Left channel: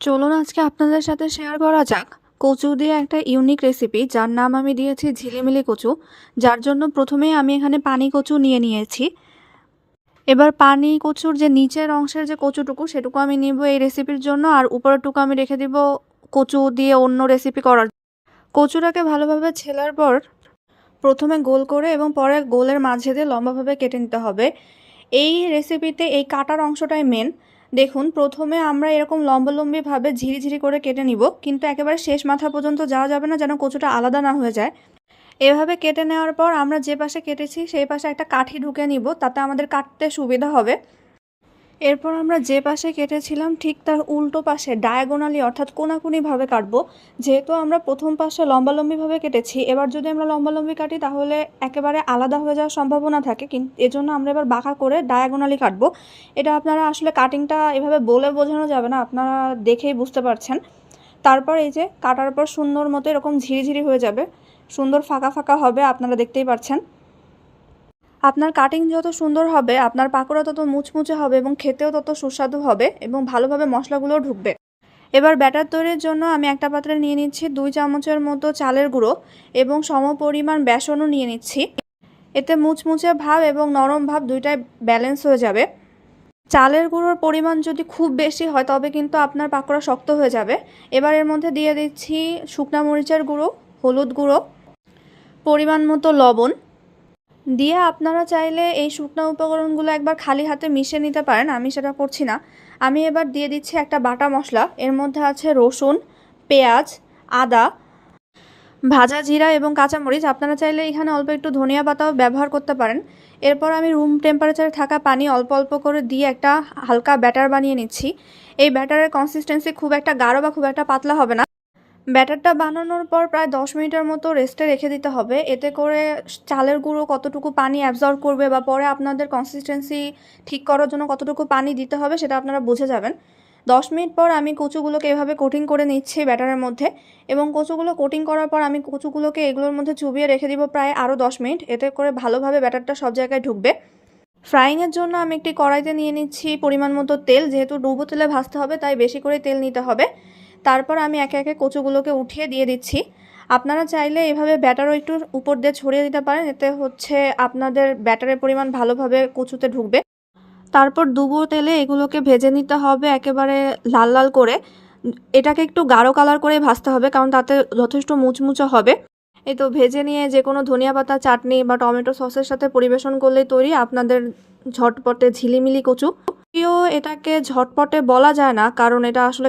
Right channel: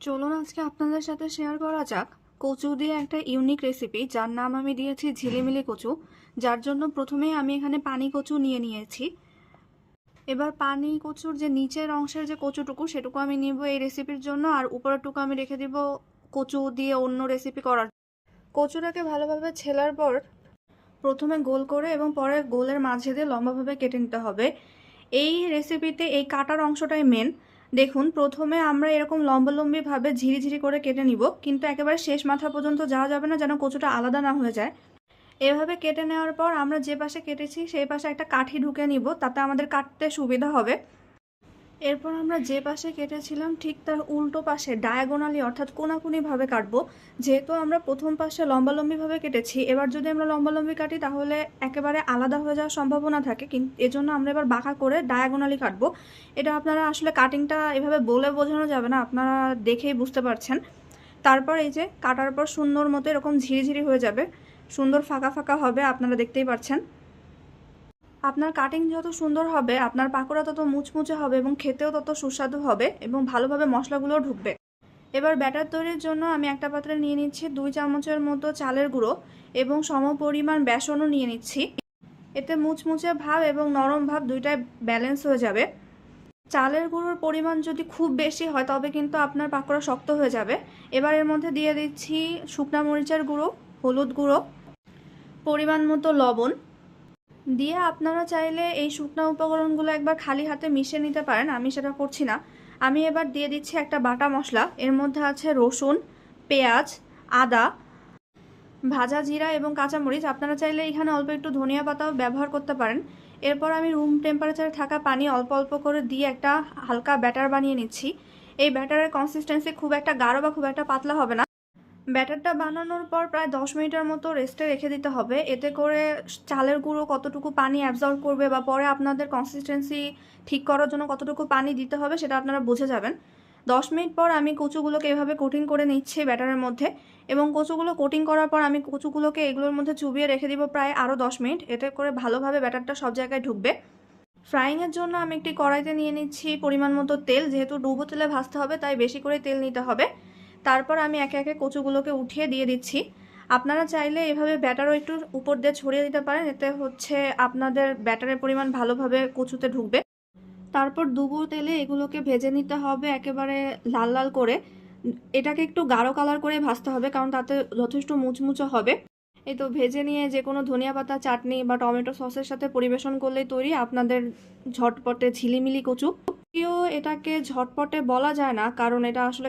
চলুন আজকে আপনাদের সাথে শেয়ার করা যাক কচু দিয়ে একটা ইউনিক রেসিপি, যার নাম আমি দিয়েছি ঝিলিমিলি কচু। যার জন্য প্রথমেই আমি এখানে পানি কচু নিয়ে নিয়েছি। এবার পানি কচুর যে নিচের অংশের যে কচুটুকু সেটুকু আমি নিব এই রেসিপির জন্য, আর উপরেরটুকু আমি রেখে দিব কচু দিয়ে অন্য রেসিপি করার। কচুটাকে ভালোভাবে ছেলার পর প্রথমে গোল করে এবং পরে গোলের মাঝে দিয়ে লম্বাভাবে কেটে নিতে হবে। এই রেসিপিতে এই কাটার অংশটাই মেন। দেখুন, প্রথমে আমরা এরকম লম্বালম্বিভাবে ঝিরিঝিরি করে কেটে নিব, কিন্তু একেবারে শেষ মাথা পর্যন্ত যাওয়া যাবে না, যেন কচুটা আলাদা না হয়ে যায়। এভাবে কেটে নেওয়ার পর আমরা যে পাশে কেটেছি সেই পাশে একটা কাঠি ঢুকে নিব, তাতে আমাদের কাটতে সুবিধা হবে। এরপর আমরা যে পাশে কেটেছিলাম ঠিক তার উল্টো পাশে ডায়াগোনালি অর্থাৎ কোনাকুনিভাবে কাটবো। যেহেতু আমরা প্রথম পাশে লম্বালম্বিভাবে কেটেছি, এবার যদি আমরা লম্বালম্বি কাটি তাহলে একেবারে আলাদা হয়ে যাওয়ার সম্ভাবনা থাকে, কিন্তু এজন্য আমরা এবার বাঁকা করে ডায়াগোনালি কাটবো। এটা আপনারা আসলে কাটিংটা এভাবে বলে বোঝানো যাবে না, আপনারা দেখেই বুঝতে পারছেন। তারপর এই যে কাটার পর সুন্দর মতো এরকম ঝিরিঝিরি হয়ে যাবে, সুন্দর ফাঁকা ফাঁকা হবে, আপনারা দেখতেই পাচ্ছেন। আপনার কাটিং যত সুন্দর হবে আপনার পাকোড়া তত মুচমুচে হবে এবং খেতেও তত সুস্বাদু হবে এবং ভালোভাবে মশলাগুলোও ঢুকবে। এবার ব্যাটার তৈরির জন্য আমি একটা পাত্রে নিয়ে নিচ্ছি 2 চামচের মতো চালের গুঁড়ো এবং সমপরিমাণ বেসনও নিয়ে নিচ্ছি। এতে মুচমুচে ভাব এবং নরম ভাব দুইটাই ব্যালেন্স হয়ে যাবে। চালের গুঁড়োর পরিমাণ যদি খুব বেশি হয় তবে কিন্তু আপনার পাকোড়া শক্ত হয়ে যাবে। এবার এর মধ্যে দিয়ে দিচ্ছি শুকনা মরিচের গুঁড়ো, হলুদ গুঁড়ো, পরিমাণ মতো লবণ দিয়ে আপনারা চাইলে এই শুকনো উপকরণগুলো একবার খালি হাতে মিশিয়ে নিতে পারেন, আমি সেটা করছি না। আমি এবার দিয়ে দিচ্ছি একটা বাটা মশলা। এর মধ্যে আছে রসুন, পেঁয়াজ, আদা, ভাজা জিরা এবং কাঁচামরিচ। আপনারা চাইলে এখানে অল্প একটু ধনিয়া পাতাও ব্যবহার করতে পারেন। এরপর আমি রুম টেম্পারেচারে থাকা পানি অল্প অল্প করে দিয়ে একটা হালকা ব্যাটার বানিয়ে নিচ্ছি। এই ব্যাটারের কনসিস্টেন্সি খুব একটা গাঢ় বা খুব একটা পাতলা হবে না। ব্যাটারটা বানানোর পর প্রায় 10 মিনিটের মতো রেস্টে রেখে দিতে হবে। এতে করে চালের গুঁড়ো কতটুকু পানি অ্যাবজর্ব করবে বা পরে আপনাদের কনসিস্টেন্সি ঠিক করার জন্য কতটুকু পানি দিতে হবে সেটা আপনারা বুঝে যাবেন। 10 মিনিট পর আমি কচুগুলোকে এভাবে কোটিং করে নিচ্ছি ব্যাটারের মধ্যে, এবং কচুগুলো কোটিং করার পর আমি কচুগুলোকে এগুলোর মধ্যে চুবিয়ে রেখে দিব প্রায় আরও 10 মিনিট। এতে করে ভালোভাবে ব্যাটারটা সব জায়গায় ঢুকবে। ফ্রাইংয়ের জন্য আমি একটি কড়াইতে নিয়ে নিচ্ছি পরিমাণ মতো তেল। যেহেতু ডুবো তেলে ভাজতে হবে তাই বেশি করে তেল নিতে হবে। তারপর আমি একে একে কচুগুলোকে উঠিয়ে দিয়ে দিচ্ছি। আপনারা চাইলে এভাবে ব্যাটারও একটু উপর দিয়ে ছড়িয়ে দিতে পারেন, এতে হচ্ছে আপনাদের ব্যাটারের পরিমাণ ভালোভাবে কচুতে ঢুকবে। তারপর ডুবো তেলে এগুলোকে ভেজে নিতে হবে একেবারে লাল লাল করে। এটাকে একটু গাঢ় কালার করে ভাজতে হবে, কারণ তাতে যথেষ্ট মুচমুচে হবে। এই তো ভেজে নিয়ে যে কোনো ধনিয়া পাতা, চাটনি বা টমেটো সসের সাথে পরিবেশন করলেই তৈরি আপনাদের ঝটপটে ঝিলিমিলি কচু। যদিও এটাকে ঝটপটে বলা যায় না, কারণ এটা আসলে